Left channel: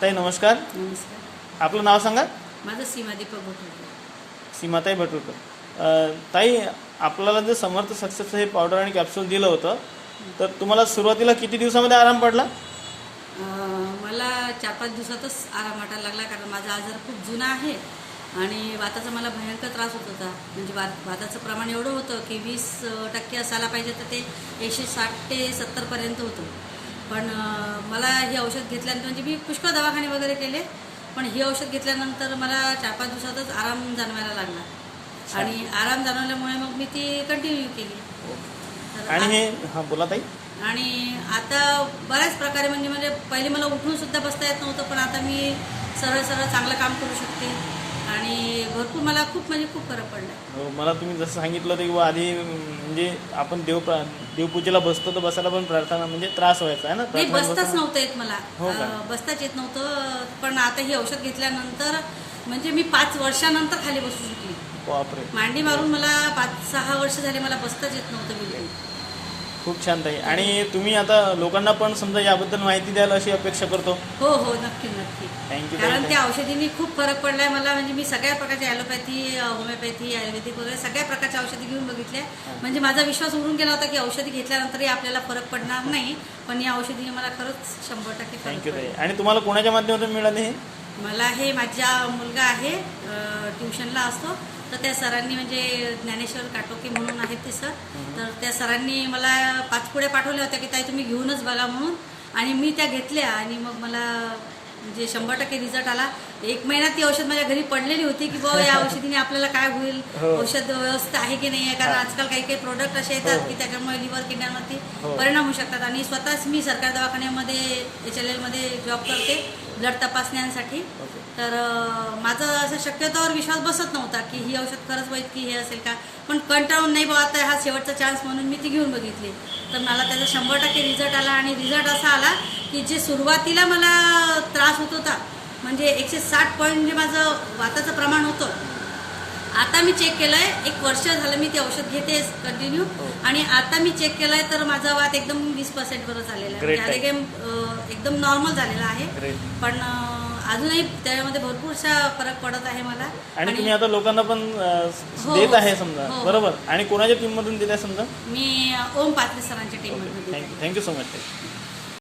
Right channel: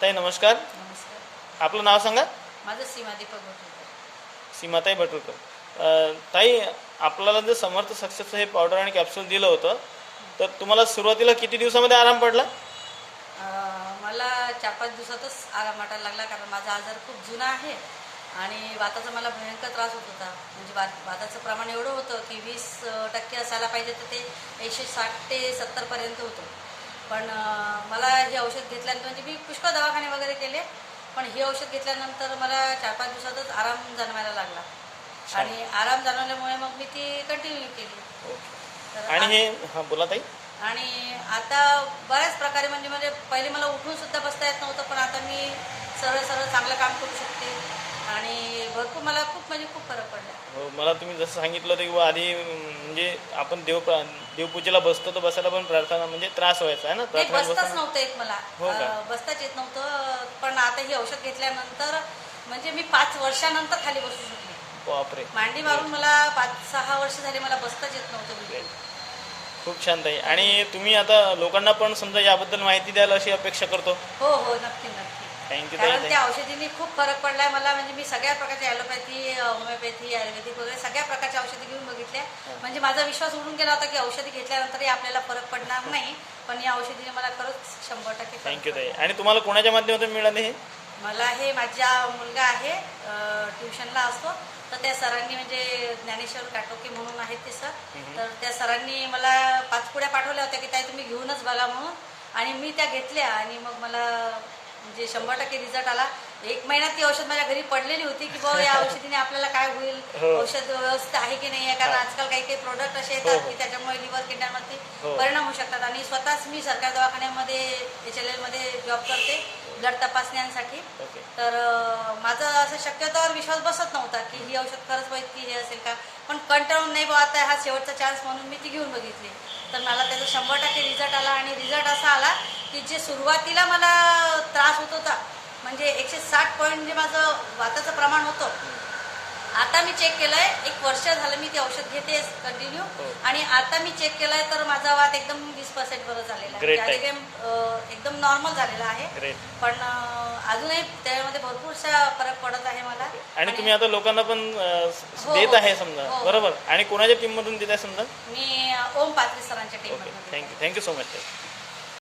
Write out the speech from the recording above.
ताई नमस्कार. नमस्कार. आपलं नाव सांगा. माझं सीमा दीपक भटुरकर. सीमाताई भटुरकर. ताई, आपल्याला जे समर्थ सक्सेसचं हे पावडर आणि कॅप्सूल दिलं होतं, तर तुम्हाला सुरुवातीला किती दिवसामध्ये आराम पडला? मला 4-5 दिवसातच आराम वाटायला लागला, कारण माझा आजार खूप जुना आहे आणि वाताचा मला भयंकर त्रास होत होता. म्हणजे वाताचं प्रमाण एवढं होतं की 20% असायला पाहिजे, तर ते 160 ते 70% होतं. पण मला हे औषध घेतल्यानंतर, म्हणजे मी पुष्कळ दवाखाने वगैरे केले, पण हे औषध घेतल्यानंतर मला 4-5 दिवसातच आराम जाणवायला लागला आणि आराम जाणवल्यामुळे मग मी ती कंटिन्यू केली. तर आणि हे हां बोला ताई. आणि आता बऱ्याच प्रकारे म्हणजे पहिले मला उठून सुद्धा बसता येत नव्हतं, पण आता मी सरळ सरळ चांगलं काम करू शकते आणि भरपूर मला खूप फरक पडला. हो, मला तुम्ही जसं सांगितलं होतं की आधी म्हणजे आपण देवपूजेला बसतो, तर बसायला पण प्रार्थना म्हणजे त्रास व्हायचा आहे ना. नाही, बसताच नव्हतं येत मला. हो का? बसताच येत नव्हतं. पण आता हे औषध घेतल्यानंतर म्हणजे मी 5 वर्षानंतर खाली बसू शकली. बापरे, मांडी मारून मला 5-6 वर्ष झाले मला बसताच येत नव्हतं बिलकुल. खूप छान ताई. आणि तुम्ही आता लोकांना पण समजा याबद्दल माहिती द्याल अशी अपेक्षा करतो. हो हो, नक्की नक्की. थँक्यू कारण ताई. त्या औषधींनी खूप फरक पडलाय मला. म्हणजे मी सगळ्या प्रकारची ॲलोपॅथी, होमिओपॅथी, आयुर्वेदिक वगैरे सगळ्या प्रकारच्या औषधी घेऊन बघितल्या. म्हणजे माझा विश्वास उडून गेला होता की औषधी घेतल्यानंतरही आपल्याला फरक पडणार नाही, पण या औषधीने मला खरंच 100% फरक थँक्यू ताई. पडला. आणि तुम्हाला कोणाच्या माध्यमातून मिळाले हे? मला हे माझा मुलगा आहे, ट्युशनला असतो, तर त्या सरांनी, म्हणजे ज्ञानेश्वर काटोके म्हणून आहेत ते सर, तर त्या सरांनी मला 5 पुड्या पाठवल्या होत्या की ताई तुम्ही घेऊनच बघा म्हणून. आणि मी त्या घेतल्या आणि मग मला म्हणजे 100% रिझल्ट आला. 1 महिन्यात ती औषध माझ्या घरी पडलेली होती की बाबा या औषधीने आपल्याला काय होईल, औषध व्यवस्थित आहे की नाही आहे. कारण आजकाल काही प्रोडक्ट असे येतात की त्याच्यामुळे लिव्हर किडन्यांवरती परिणाम होऊ शकतात. आणि स्वतःच मी सरकारी दवाखान्यामध्ये HLL मध्ये जॉब करते ब्लड तपासण्यांसाठी. तर माझा असं शक्यतोवर विश्वास बसत नव्हता की ही औषध खरंच वाईट की हे असेल का, पण कंटाळून नाही बाबा आता हा शेवटचा चान्स म्हणून मी ती घेऊन बघितली. तर मला त्याचा 100% रिझल्ट आला. आणि रिझल्ट असा आला की जे सुरुवातीला मला त्रास होत होता, म्हणजे 160 पॉईंट जे माझं वाताचं प्रमाण होतं, आता मी चेक केलंय, 1 वर्ष झालं मी ते औषध घेते कंटिन्यू, आणि आता मी चेक केलंय तर माझा वात एकदम 20% वर झालेला आहे. म्हणजे एकदम नॉर्मल झालेला आहे. पण अजूनही त्यामध्ये भरपूरसा फरक पडत आहे मला. आणि तुम्ही आता लोकांना पण देत आहे समजा, बरोबर? आणि कोणाच्या टीम मधून देत आहे समजा? मी ओम पात्रे सरांच्या टीममधून. Thank you so much.